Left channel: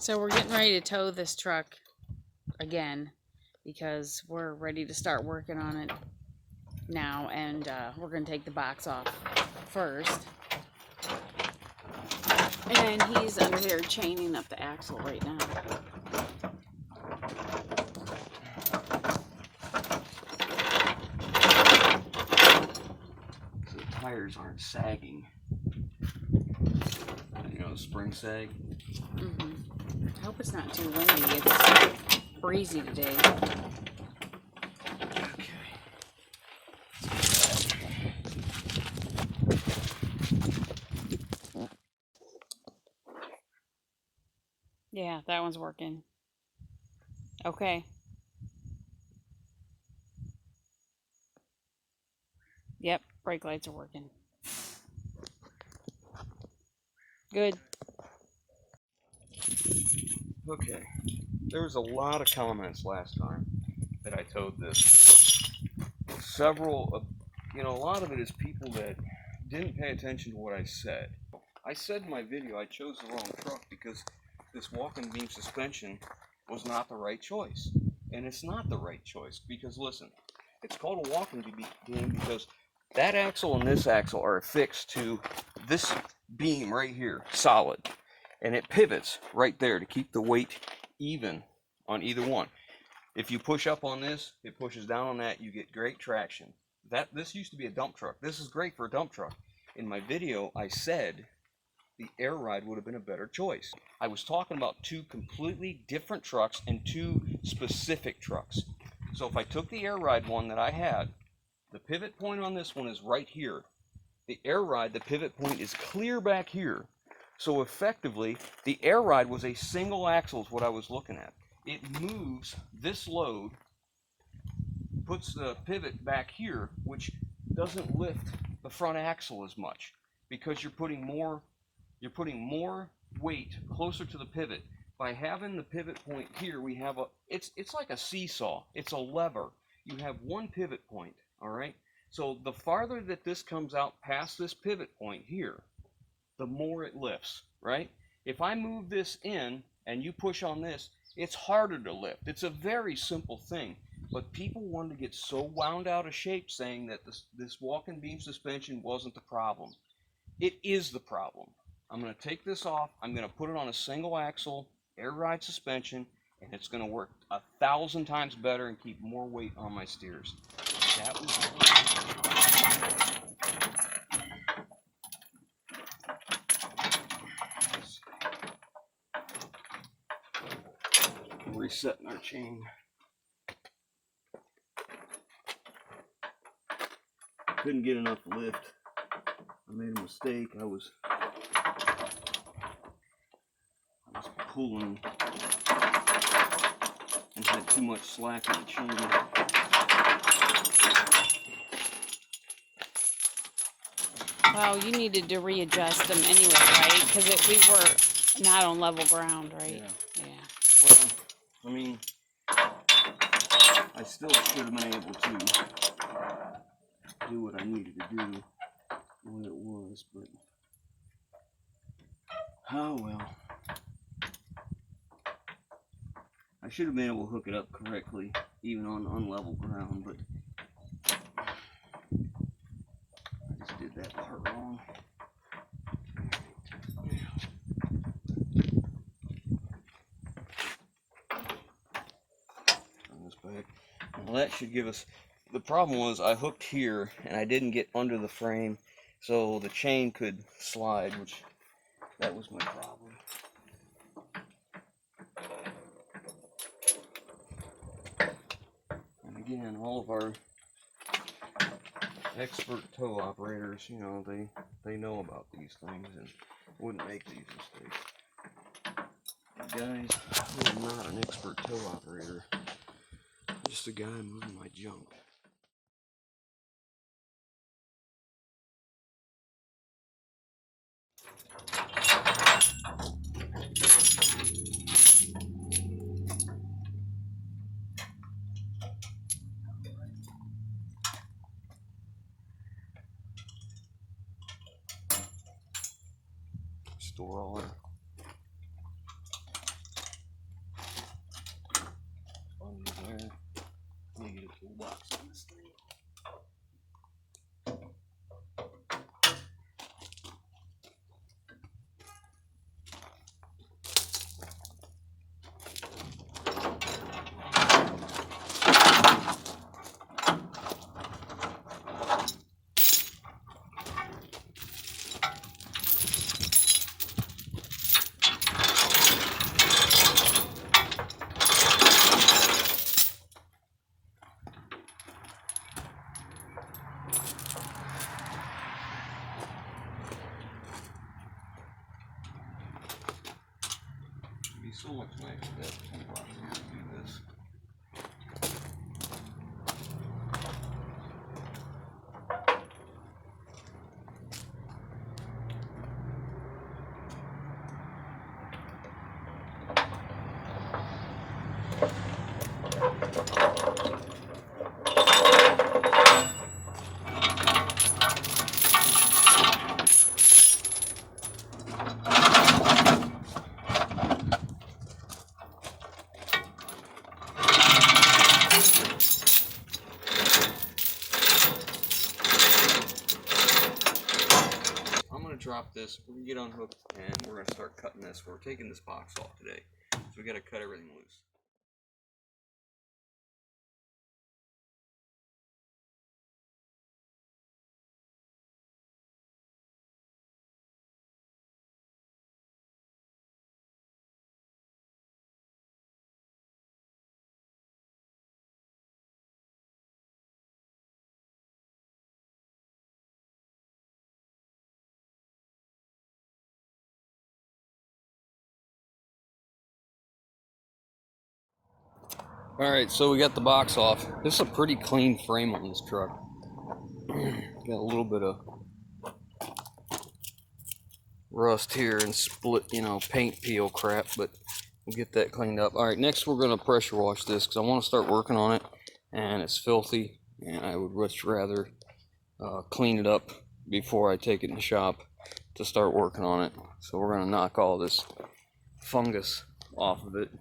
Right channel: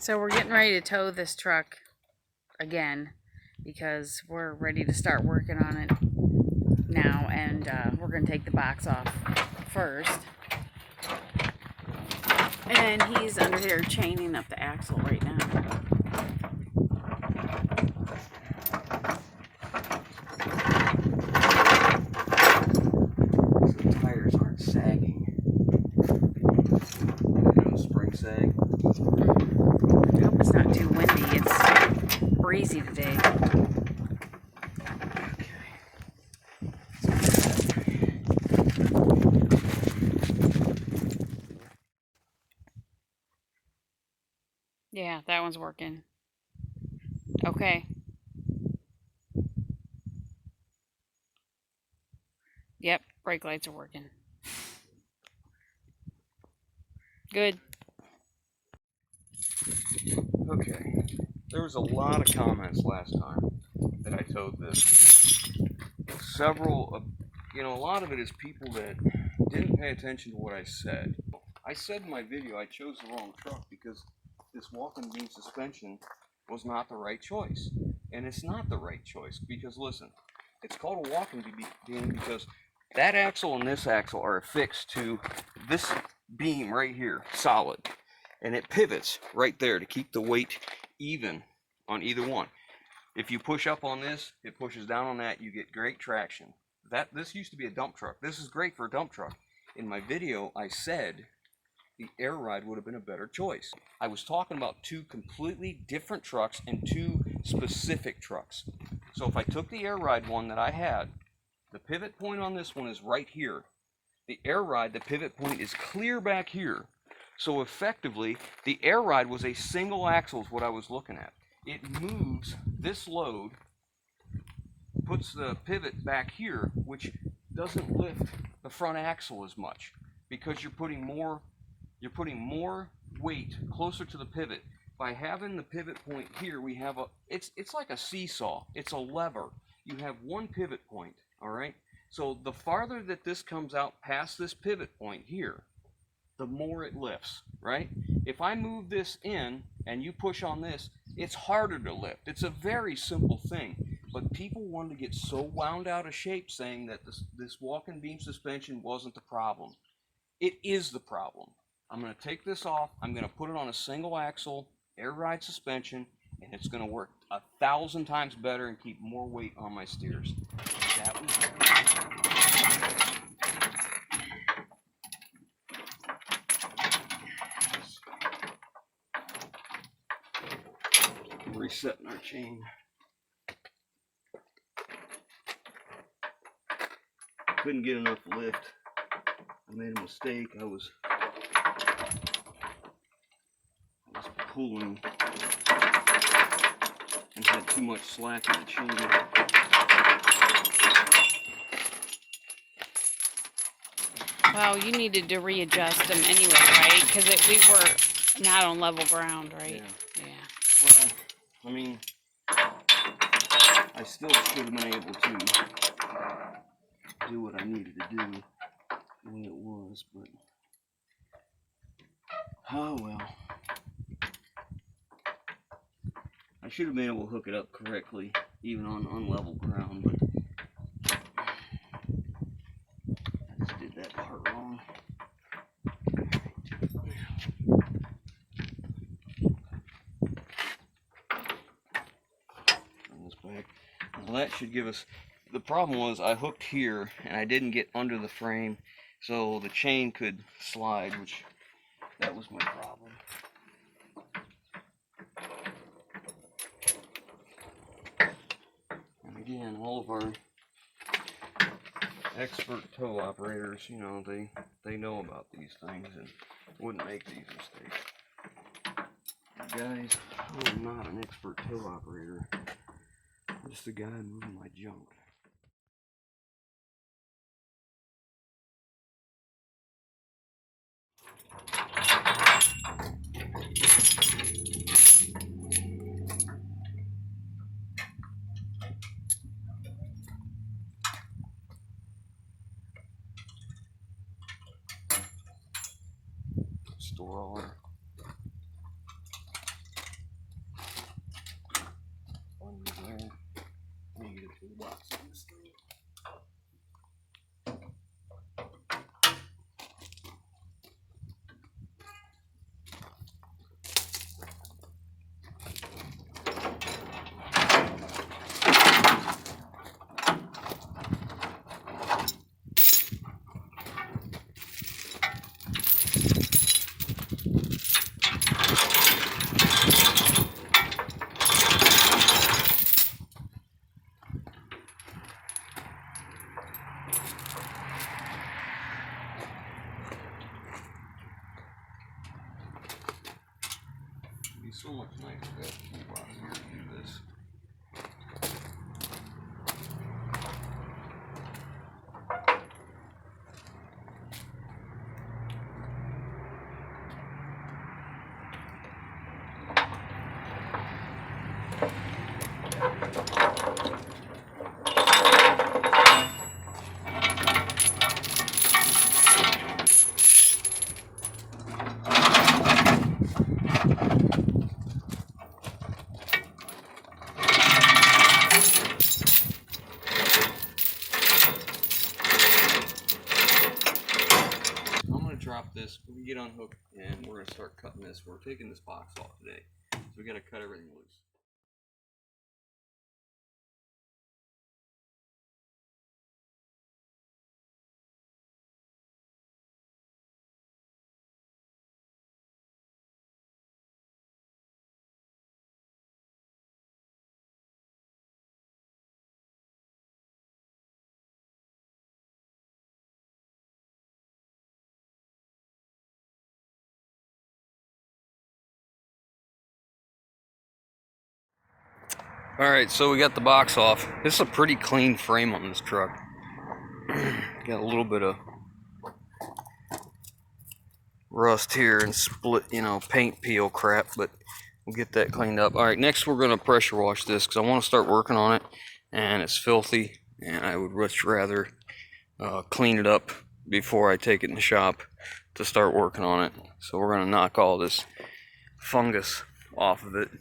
So we're getting ready to tow this truck again because we're ready to start working on it now, and we're going to take the box off first. And he's under here chaining up the axle right now. The tires aren't sagging. You know, the spring sag. I hope it's not too windy. It's breezy today. Yeah, that one's working. Okay. Yep, brake lights are working. Good. Okay. There was a lot of comments last time that I towed this. Several of, a lot of it is people that didn't pay attention to what I said. I said in my video I chose the wrong truck because this walking beam suspension was not the right choice. And it's not the right choice because, listen, it's called a walking beam because that axle and this axle are affixed to this beam right here, solid. And it pivots right there to keep the weight even on either one. If you push up on this, it pushes down on that, you get great traction. This used to be a dump truck. This is great for a dump truck. In my video, I said the air ride would have been a better choice. I was talking about two completely different trucks and two specific trucks. So if I took the air ride one that I had, the pivot point on this one is right here. The air ride, the pivot point is clear back here. So effectively, the air ride was a single axle is what I was looking at. It moves this load, puts the pivot back here, which doesn't lift the front axle as much because you're putting more weight closer to the pivot. By having the pivot point here, we have it's like a seesaw. It's a lever. You have one pivot point, all right? So the farther that this comes out past this pivot point here, the more it lifts, right? If I move this in and you push on this, it's harder to lift. It's a very simple thing, but people wanted to get so wound out of shape saying that this walking beam suspension wasn't the problem. It is the problem. I'm going to take this off. I'm going to put it on a single axle air ride suspension, and it's going to work 1,000 times better and keep more weight on my steers. That was resetting our chain. Couldn't get enough lift. I made a mistake. I was pulling and had too much slack in the chain. Well, you needed to readjust them anyway, right? Because we were not on level ground, right? Yeah. Well, I mean, I still should have been able to do what I needed to do the way it was, but oh well. I should have been able to hook it up correctly, even on unlevel ground, but I just did that part wrong. Turn this back. Now that should give us, the problem was I hooked here and I didn't get under the frame, so the chain could slide, which that was my problem. And again, all of our expert tow operators, you know, they know about these things and wouldn't make these mistakes. Guys, I am not an expert tow operator. I'm just a guy moving my junk. Store all our So much nicer to have a toolbox here to do this. Drop this, we can get unhooked, and we're going to start cutting this. We're taking this box off today, so we got to cut everything loose. Alright, so we got the box off. This is a pretty clean frame on this truck. Got a little bit of rust here and split, you know, paint peel crap, but we'll get that cleaned up. Alright, next we're going to pressure wash this because I want to start working on it, and it's filthy, and I would much rather clean it up before I take it in the shop to start working on it. So we're going to knock all this fungus off of it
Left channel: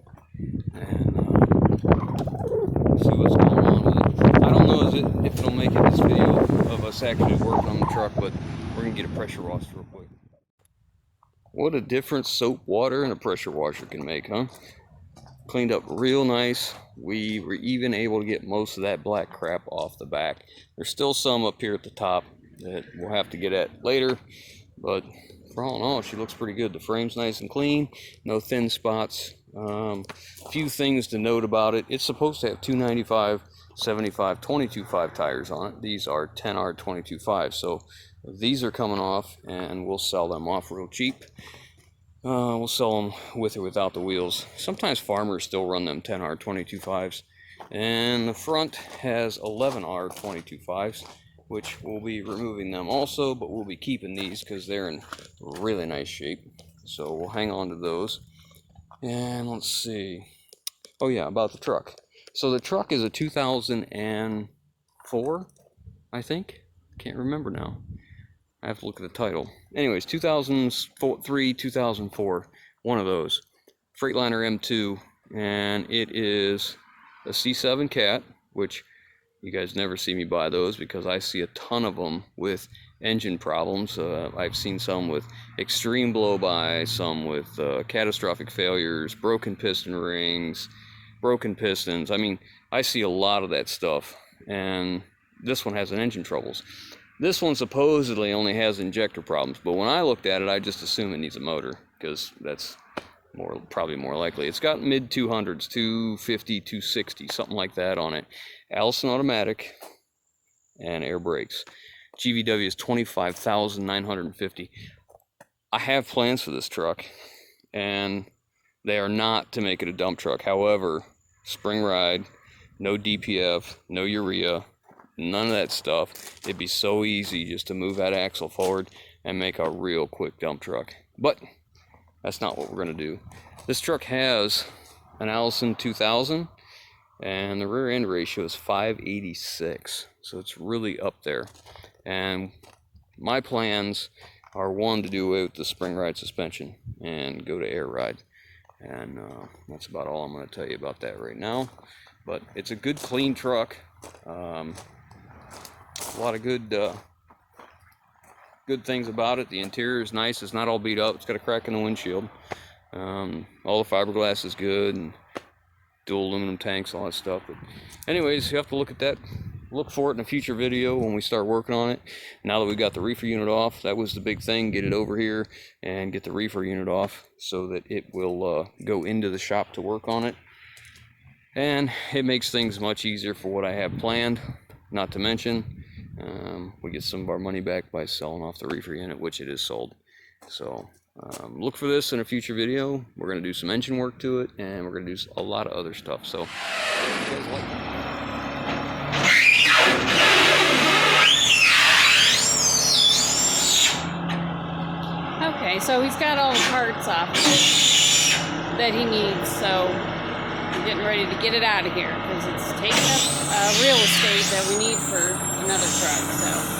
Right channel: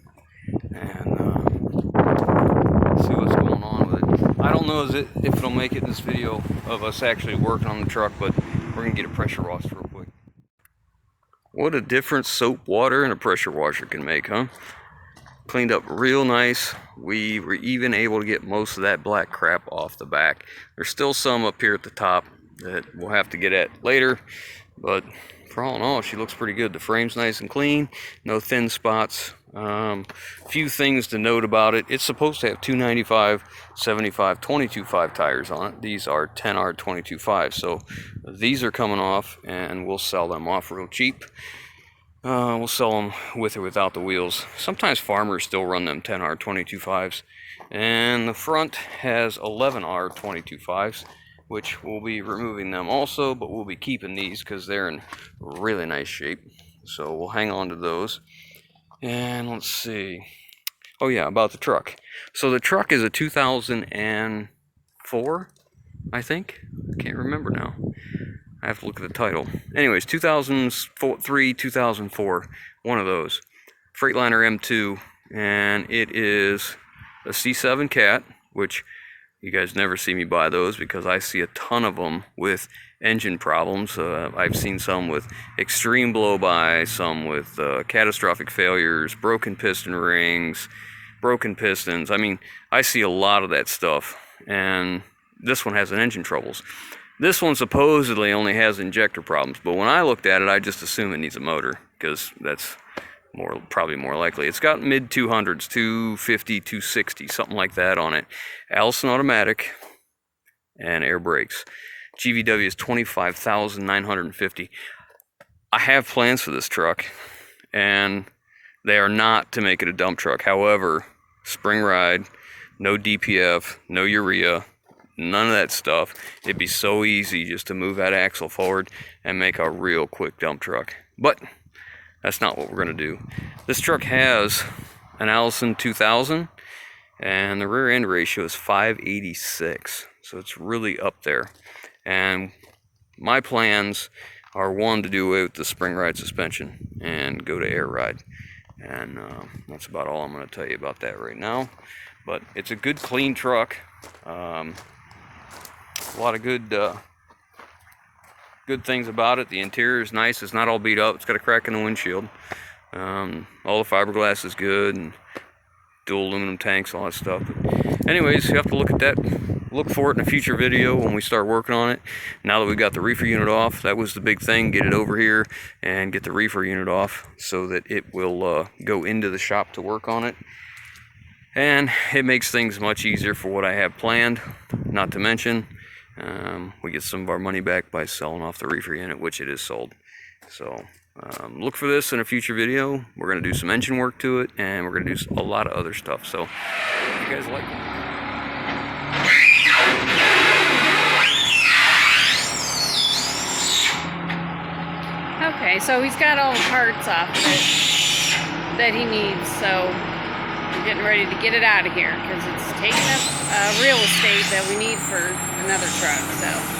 and see what's going on with it. I don't know if it'll make it this video of us actually working on the truck, but we're going to get a pressure wash real quick. What a difference soap water and a pressure washer can make, huh? Cleaned up real nice. We were even able to get most of that black crap off the back. There's still some up here at the top that we'll have to get at later, but for all in all, she looks pretty good. The frame's nice and clean, no thin spots. Few things to note about it. It's supposed to have 295, 75, 22.5 tires on it. These are 10R 22.5, so these are coming off, and we'll sell them off real cheap. We'll sell them with or without the wheels. Sometimes farmers still run them 10R 22.5s. And the front has 11R 22.5s, which we'll be removing them also, but we'll be keeping these because they're in really nice shape. So we'll hang on to those. And let's see. Oh yeah, about the truck. So the truck is a 2004, I think. I can't remember now. I have to look at the title. Anyways, 2003, 2004, one of those. Freightliner M2, and it is a C7 Cat, which you guys never see me buy those because I see a ton of them with engine problems. I've seen some with extreme blow-by, some with catastrophic failures, broken piston rings, broken pistons. I mean, I see a lot of that stuff, and this one has an engine troubles. This one supposedly only has injector problems, but when I looked at it, I just assume it needs a motor because that's probably more likely. It's got mid 200s, 250, 260, something like that on it. Allison automatic and air brakes. GVW is 25,950. I have plans for this truck, and they are not to make it a dump truck. However, spring ride, no DPF, no urea, none of that stuff. It'd be so easy just to move that axle forward and make a real quick dump truck. But that's not what we're going to do. This truck has an Allison 2000, and the rear end ratio is 586. So it's really up there. And my plans are, one, to do away with the spring ride suspension and go to air ride. And that's about all I'm going to tell you about that right now. But it's a good, clean truck. A lot of good things about it. The interior is nice. It's not all beat up. It's got a crack in the windshield. All the fiberglass is good, and dual aluminum tanks, all that stuff. But anyways, you have to look at that. Look for it in a future video when we start working on it. Now that we got the reefer unit off, that was the big thing. Get it over here and get the reefer unit off so that it will go into the shop to work on it. And it makes things much easier for what I have planned. Not to mention, we get some of our money back by selling off the reefer unit, which it is sold. So look for this in a future video. We're going to do some engine work to it, and we're going to do a lot of other stuff. So if you guys like it. Okay, so he's got all the parts off of it that he needs, so I'm getting ready to get it out of here because it's taking up real estate that we need for another truck, so.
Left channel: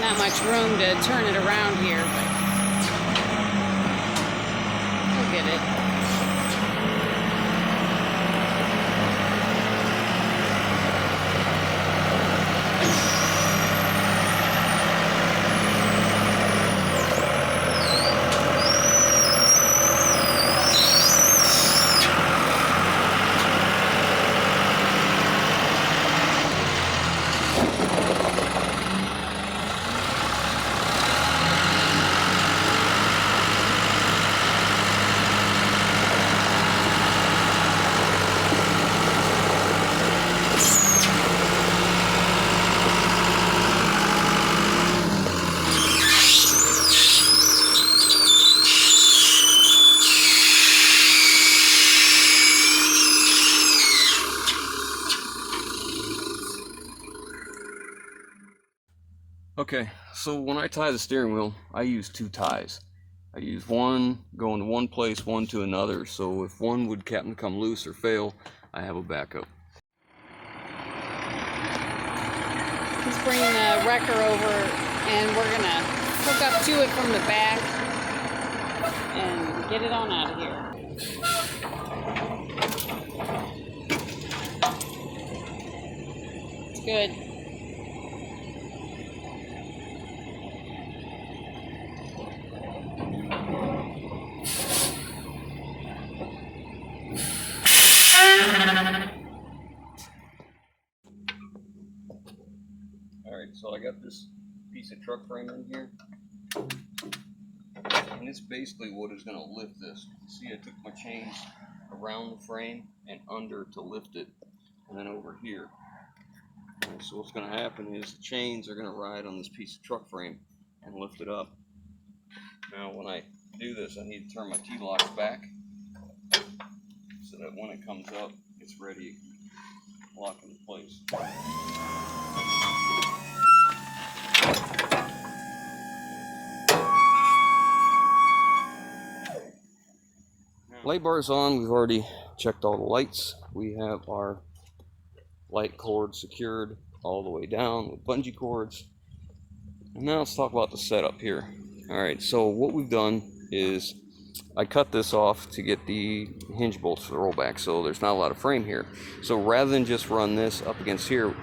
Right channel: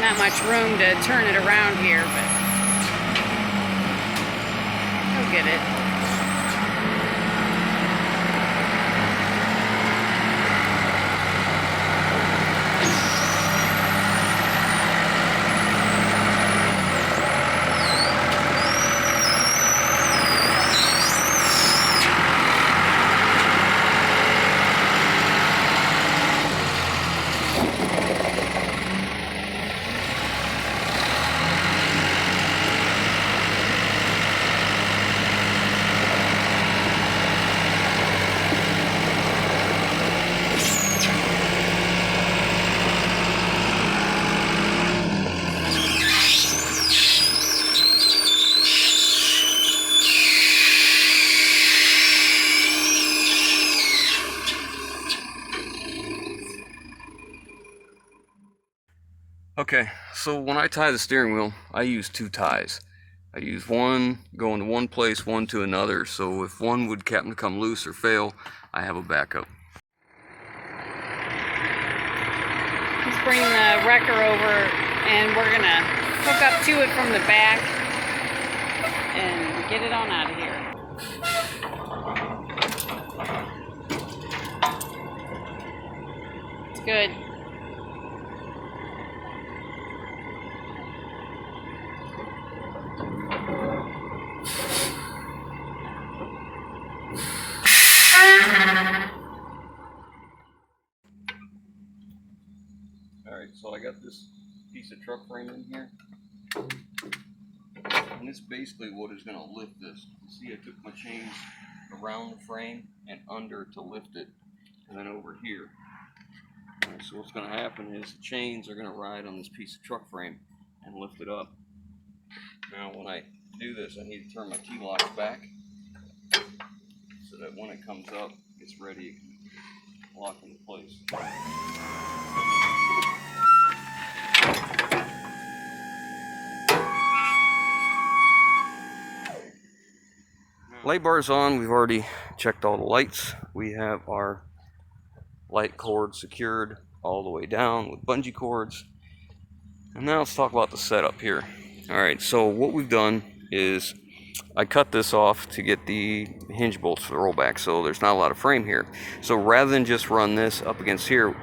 Not much room to turn it around here, but he'll get it. Okay, so when I tie the steering wheel, I use 2 ties. I use one going to one place, one to another, so if one would happen to come loose or fail, I have a backup. Let's bring the wrecker over and we're gonna hook up to it from the back and get it on out of here. It's good. Alright, so I got this piece of truck frame in here, and it's basically what is going to lift this. You see, I took my chains around the frame and under to lift it, and then over here. Alright, so what's going to happen is the chains are going to ride on this piece of truck frame and lift it up. Now when I do this, I need to turn my T-locks back so that when it comes up, it's ready to lock into place. Light bar's on. We've already checked all the lights. We have our light cord secured all the way down with bungee cords. And now let's talk about the setup here. Alright, so what we've done is I cut this off to get the hinge bolts for the rollback, so there's not a lot of frame here. So rather than just run this up against here,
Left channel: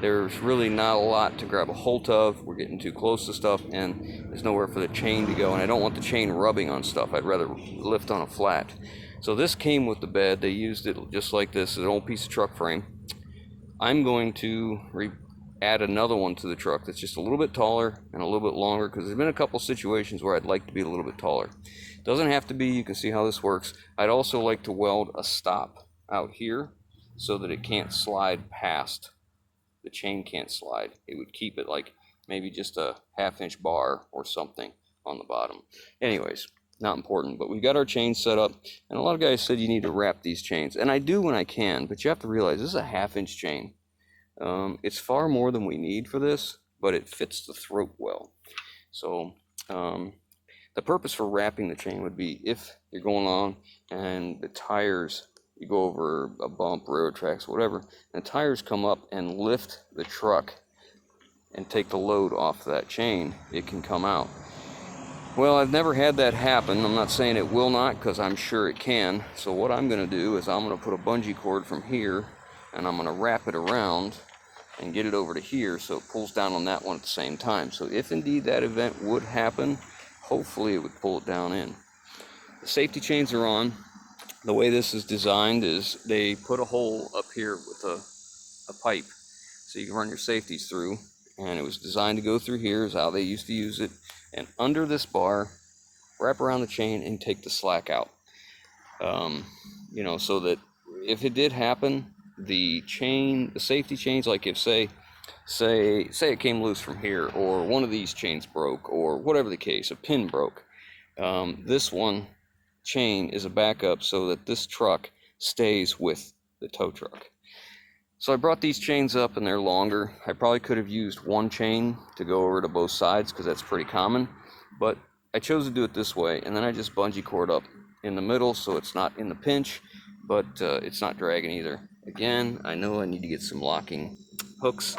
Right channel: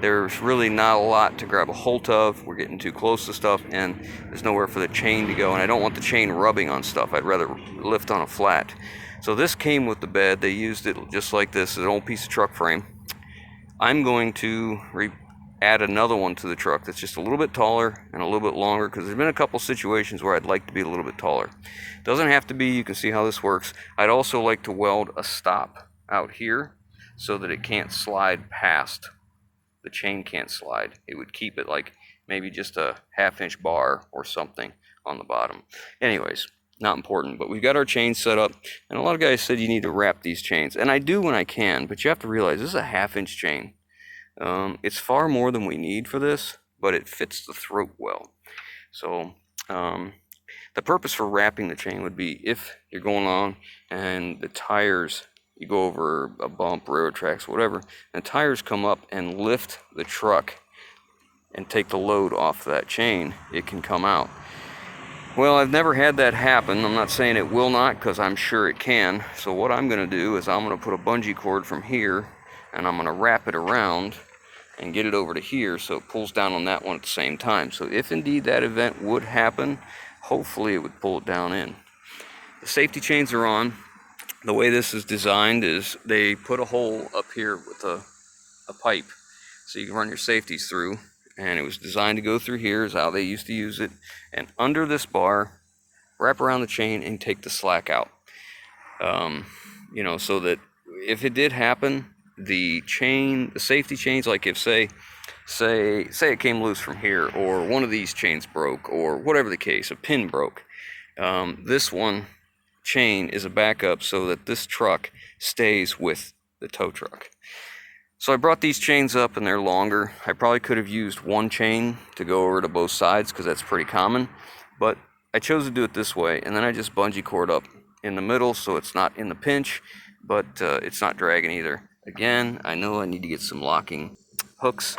there's really not a lot to grab a hold of. We're getting too close to stuff, and there's nowhere for the chain to go, and I don't want the chain rubbing on stuff. I'd rather lift on a flat. So this came with the bed. They used it just like this, an old piece of truck frame. I'm going to add another one to the truck that's just a little bit taller and a little bit longer, because there's been a couple situations where I'd like to be a little bit taller. Doesn't have to be. You can see how this works. I'd also like to weld a stop out here so that it can't slide past. The chain can't slide. It would keep it like maybe just a 1/2-inch bar or something on the bottom. Anyways, not important, but we've got our chain set up, and a lot of guys said you need to wrap these chains, and I do when I can, but you have to realize this is a 1/2-inch chain. It's far more than we need for this, but it fits the throat well. So the purpose for wrapping the chain would be if you're going on and the tires, you go over a bump, railroad tracks, whatever, and the tires come up and lift the truck and take the load off that chain, it can come out. Well, I've never had that happen. I'm not saying it will not, because I'm sure it can. So what I'm going to do is I'm going to put a bungee cord from here, and I'm going to wrap it around and get it over to here so it pulls down on that one at the same time. So if indeed that event would happen, hopefully it would pull it down in. The safety chains are on. The way this is designed is they put a hole up here with a pipe so you can run your safeties through, and it was designed to go through here is how they used to use it. And under this bar wrap around the chain and take the slack out. You know, so that if it did happen, the safety chains, like if say it came loose from here, or one of these chains broke, or whatever the case, a pin broke, this one chain is a backup so that this truck stays with the tow truck. So I brought these chains up, and they're longer. I probably could have used one chain to go over to both sides because that's pretty common, but I chose to do it this way, and then I just bungee cord up in the middle so it's not in the pinch, but it's not dragging either. Again, I know I need to get some locking hooks.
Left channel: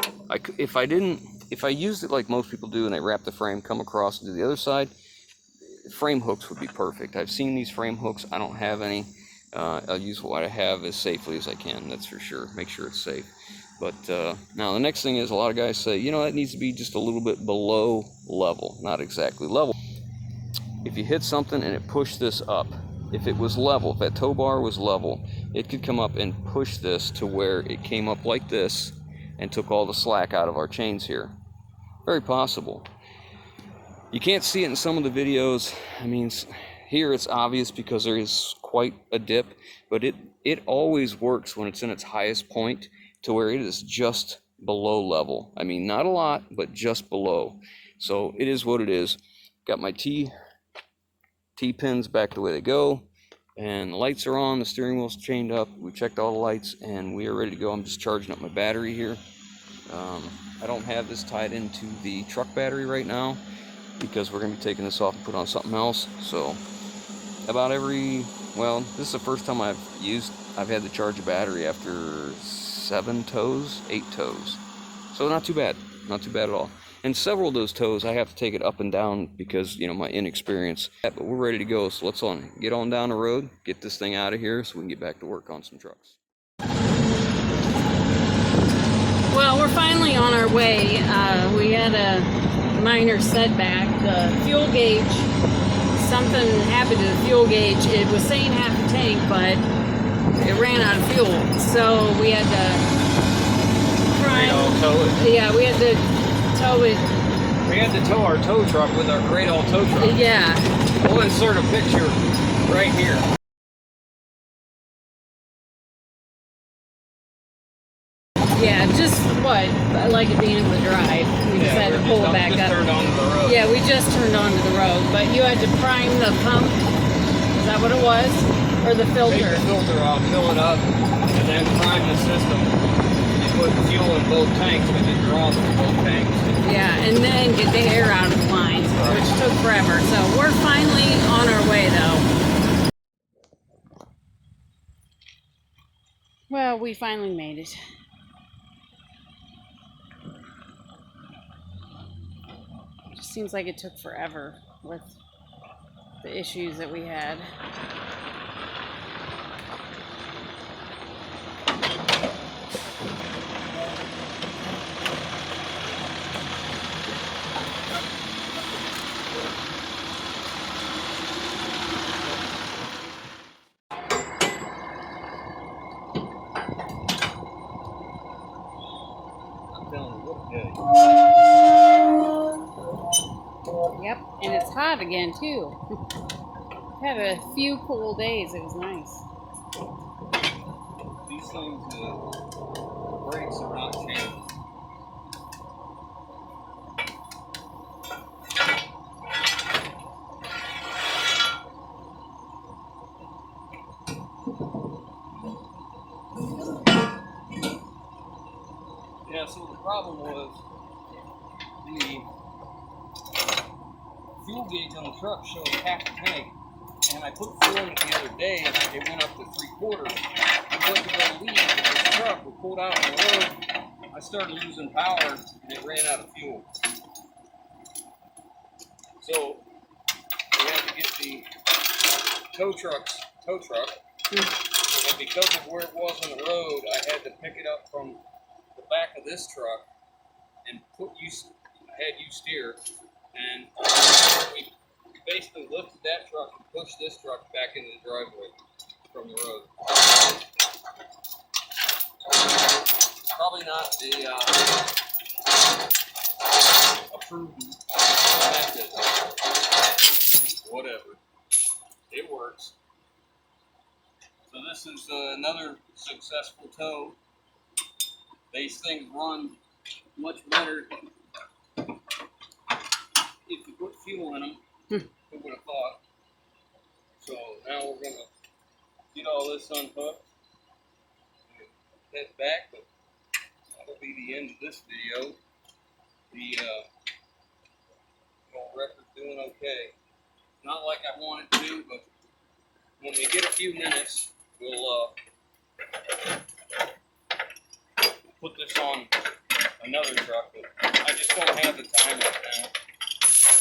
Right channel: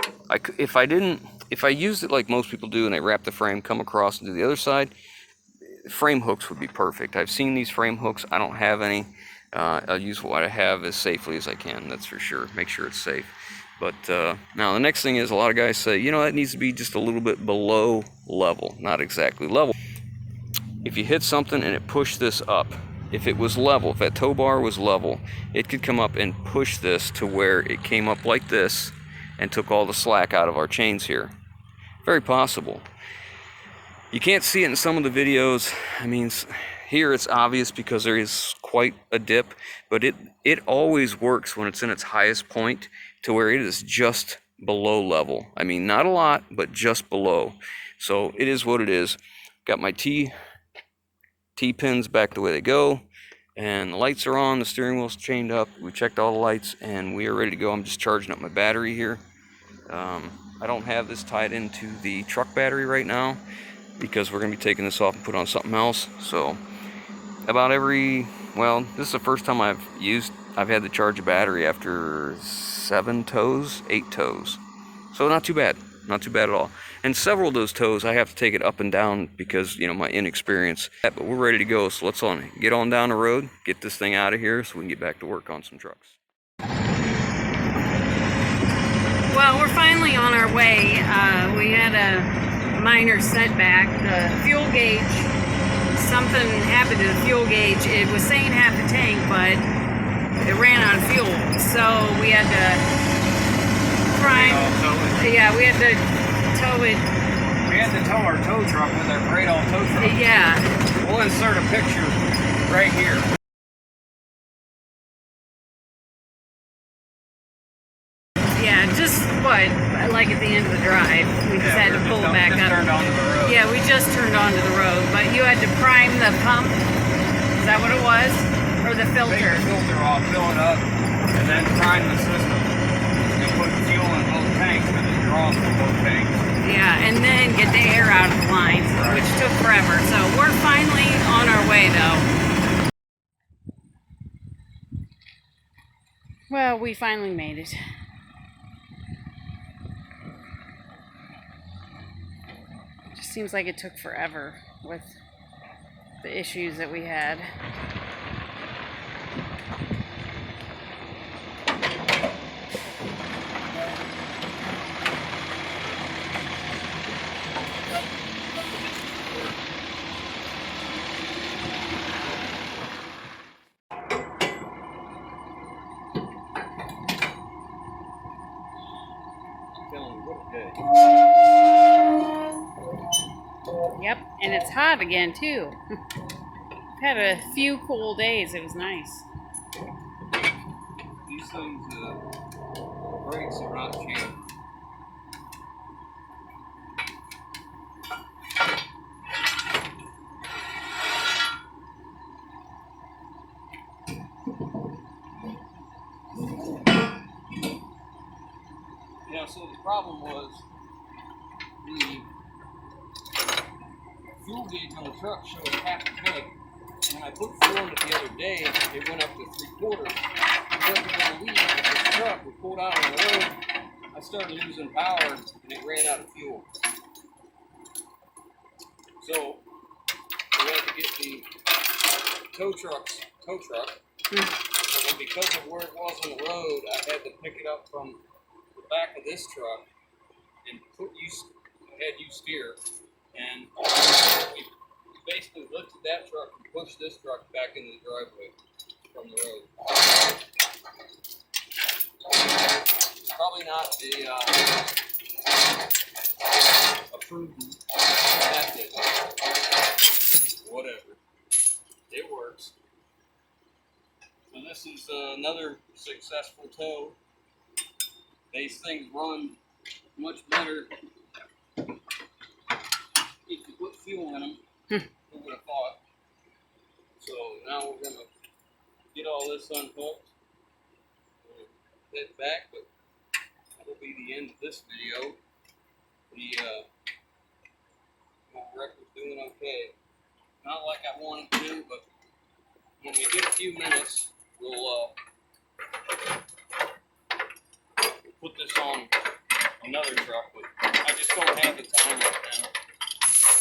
If I used it like most people do and I wrap the frame, come across and do the other side, frame hooks would be perfect. I've seen these frame hooks. I don't have any. I'll use what I have as safely as I can, that's for sure. Make sure it's safe. But now the next thing is, a lot of guys say, you know, that needs to be just a little bit below level. Not exactly level. If you hit something and it pushed this up, if it was level, if that tow bar was level, it could come up and push this to where it came up like this and took all the slack out of our chains here. Very possible. You can't see it in some of the videos. I mean, here it's obvious because there is quite a dip, but it always works when it's in its highest point to where it is just below level. I mean, not a lot, but just below. So it is what it is. Got my T-pins back the way they go, and the lights are on, the steering wheel's chained up. We checked all the lights, and we are ready to go. I'm just charging up my battery here. I don't have this tied into the truck battery right now because we're going to be taking this off and put on something else. So about this is the first time I've had to charge a battery after 8 tows. So not too bad at all. And several of those tows I have to take it up and down because, you know, my inexperience. But we're ready to go, so let's get on down the road, get this thing out of here so we can get back to work on some trucks. Well, we're finally on our way. We had a minor setback. The fuel gauge, something happened to the fuel gauge. It was saying half a tank, but it ran out of fuel. So we had to prime. Yeah, we had to tow it. We had to tow our tow truck with our GRADALL tow truck. Yeah. We'll insert a picture right here. Yeah, just like at the end of the drive. We just had to pull it back up. Turned onto the road. Yeah, we just turned onto the road, but you had to prime the pump. Is that what it was? Or the filter? Take the filter off, fill it up, and then prime the system. And put fuel in both tanks because it draws from both tanks. Yeah, and then get the air out of the lines, which took forever. So we're finally on our way, though. Well, we finally made it. Just seems like it took forever with the issues that we had. Yep, and it's hot again too. Had a few cool days. It was nice. These things, the brakes are not changed. Yeah, so the problem was the fuel gauge on the truck showed half a tank, and I put fuel in it the other day, it went up to 3/4. I wasn't going to leave with this truck. We pulled out on the road, I started losing power, and it ran out of fuel. So we had to get the tow truck, and because of where it was on the road, I had to pick it up from the back of this truck and I had you steer, and we basically lifted that truck and pushed this truck back into the driveway from the road. Probably not the approved method. Whatever. it works. So this is another successful tow. These things run much better if you put fuel in them. Who would have thought? So now we're gonna get all this unhooked and head back, but that'll be the end of this video. The old record's doing okay. Not like I want it to, but when we get a few minutes, we'll put this on another truck, but I just don't have the time right now.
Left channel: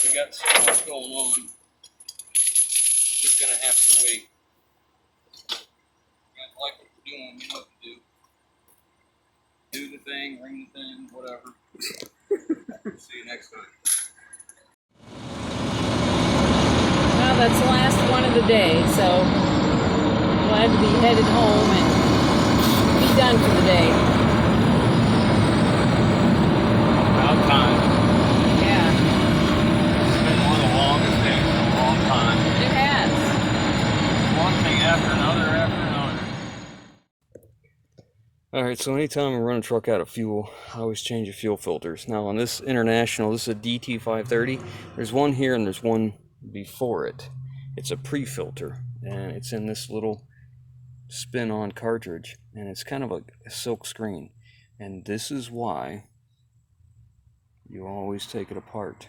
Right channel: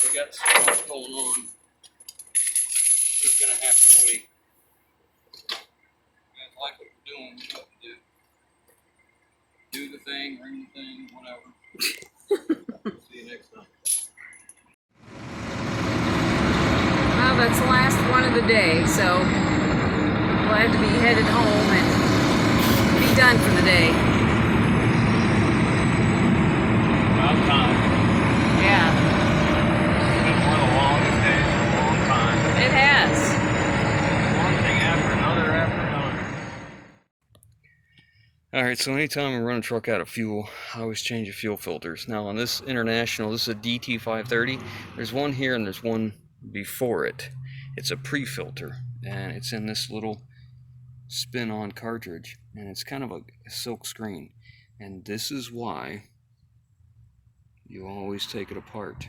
We got so much going on. Just gonna have to wait. You guys like what we're doing, you know what to do. Do the thing, ring the thing, whatever. See you next time. Well, that's the last one of the day, so I'm glad to be headed home and be done for the day. About time. Yeah, It's been one of the longest days in a long time. it has. One thing after another after another. Alright, so anytime I run a truck out of fuel, I always change the fuel filters. Now on this International, this is a DT530. There's one here and there's one before it. It's a pre-filter, and it's in this little spin-on cartridge, and it's kind of a silk screen. And this is why you always take it apart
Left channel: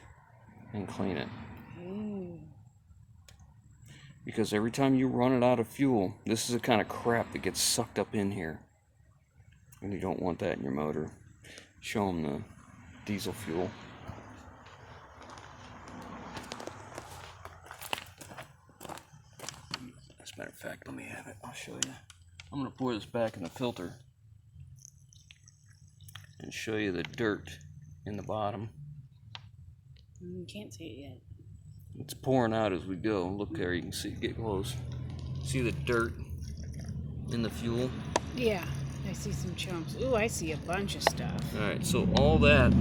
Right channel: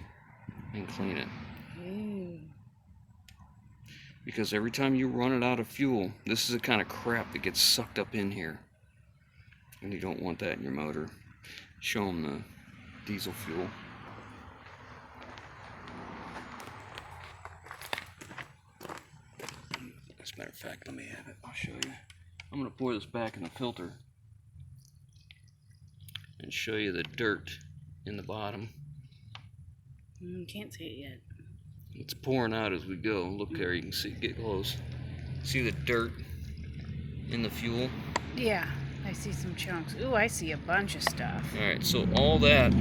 and clean it. Because every time you run it out of fuel, this is the kind of crap that gets sucked up in here. And you don't want that in your motor. Show them the diesel fuel. As a matter of fact, let me have it. I'll show you. I'm going to pour this back in the filter and show you the dirt in the bottom. Can't see it yet. It's pouring out as we go. Look there, you can see, get close. See the dirt in the fuel? Yeah, I see some chunks. Ooh, I see a bunch of stuff. Alright, so all that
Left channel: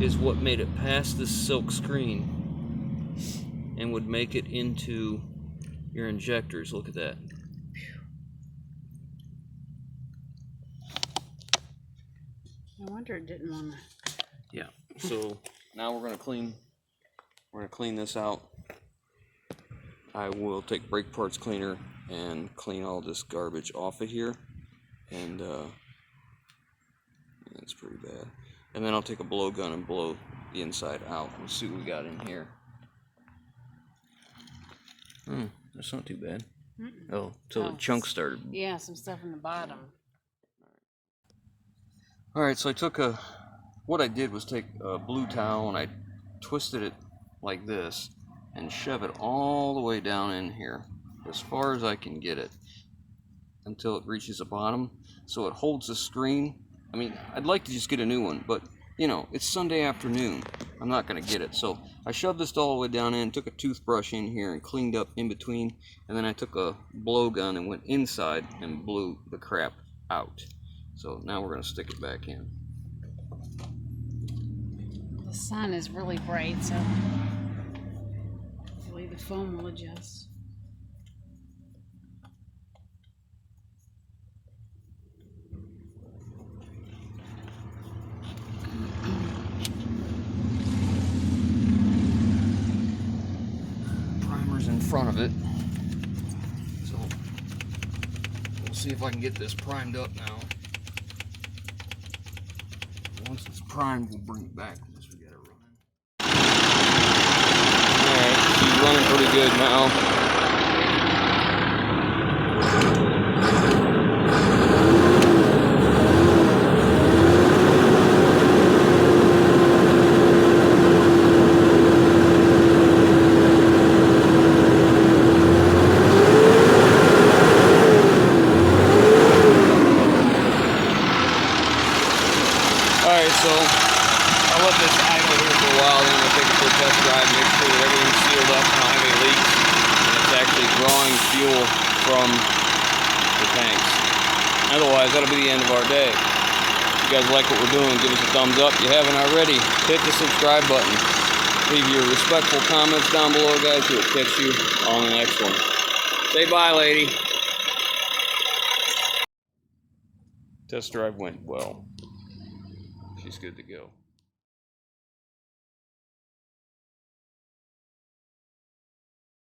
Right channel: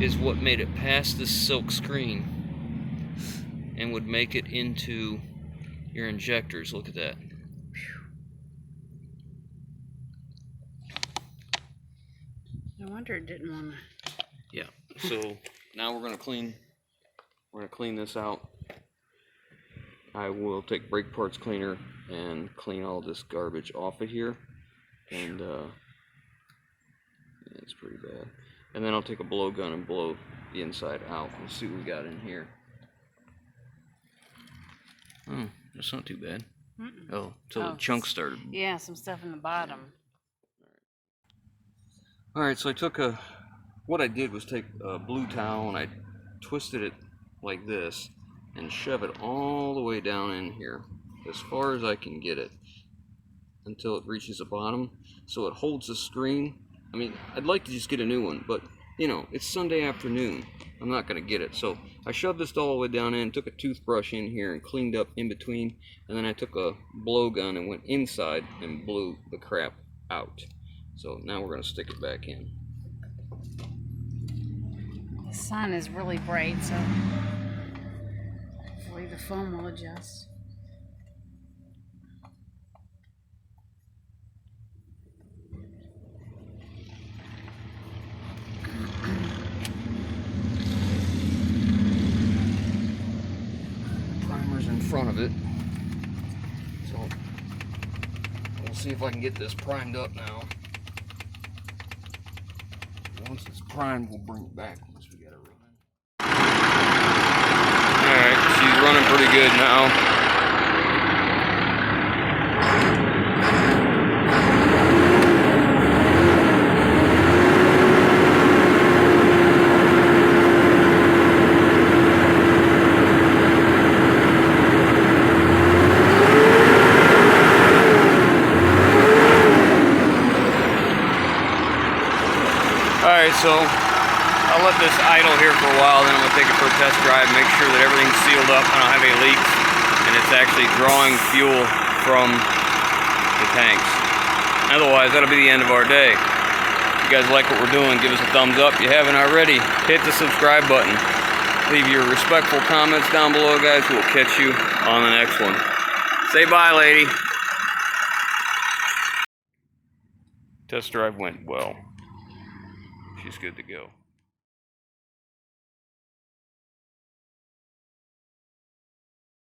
is what made it past this silk screen and would make it into your injectors. Look at that. No wonder it didn't want to. Yeah, so now we're going to clean this out. I will take brake parts cleaner and clean all this garbage off of here. And it's pretty bad. And then I'll take a blowgun and blow the inside out and see what we got in here. That's not too bad. Oh, so the chunks started. Yeah, some stuff in the bottom. Alright, so I took what I did was take a blue towel and I twisted it like this and shove it all the way down in here as far as I can get it until it reaches the bottom, so it holds the screen. I mean, I'd like to just get a new one, but you know, it's Sunday afternoon. I'm not gonna get it. So I shoved this all the way down in, took a toothbrush in here and cleaned up in between, and then I took a blowgun and went inside and blew the crap out. So now we're gonna stick it back in. The sun is really bright, so hopefully the foam will adjust. Primer's in front of it. So we'll see if I can get this primed up now. Once it's primed, we'll bring it back once we get it running. Alright, she's running pretty good now. Alright, so I'll let this idle here for a while, then I'm going to take it for a test drive, make sure that everything's sealed up, I don't have any leaks, and it's actually drawing fuel from the tanks. Otherwise, that'll be the end of our day. If you guys like what we're doing, give us a thumbs up. If you haven't already, hit the subscribe button. Leave your respectful comments down below, guys. We'll catch you on the next one. Say bye, lady. Test drive went well. She's good to go.